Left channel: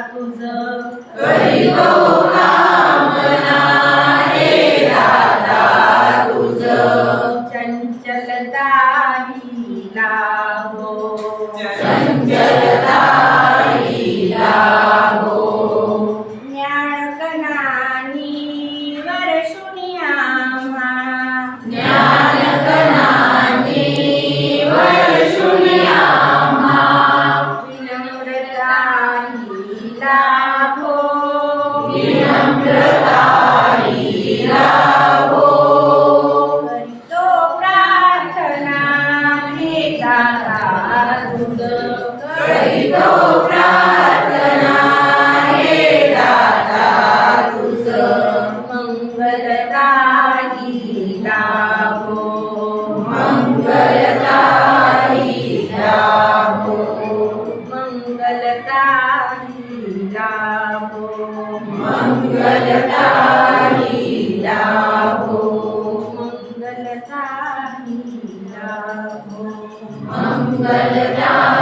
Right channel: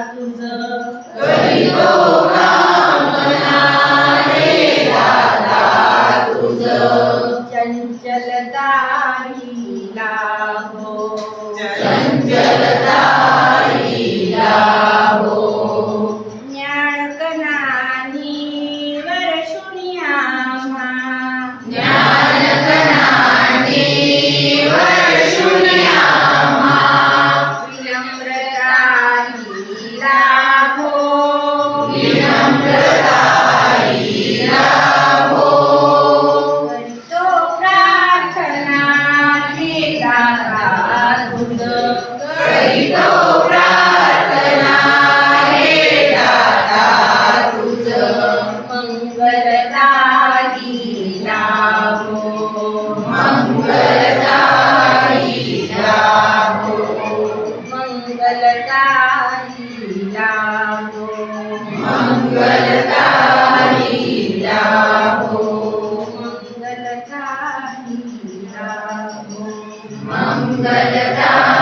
तुझ. चंचल कामना हो हे. दादा Amen. मंगलकारी लाभो मंगलकारी मंगलकारी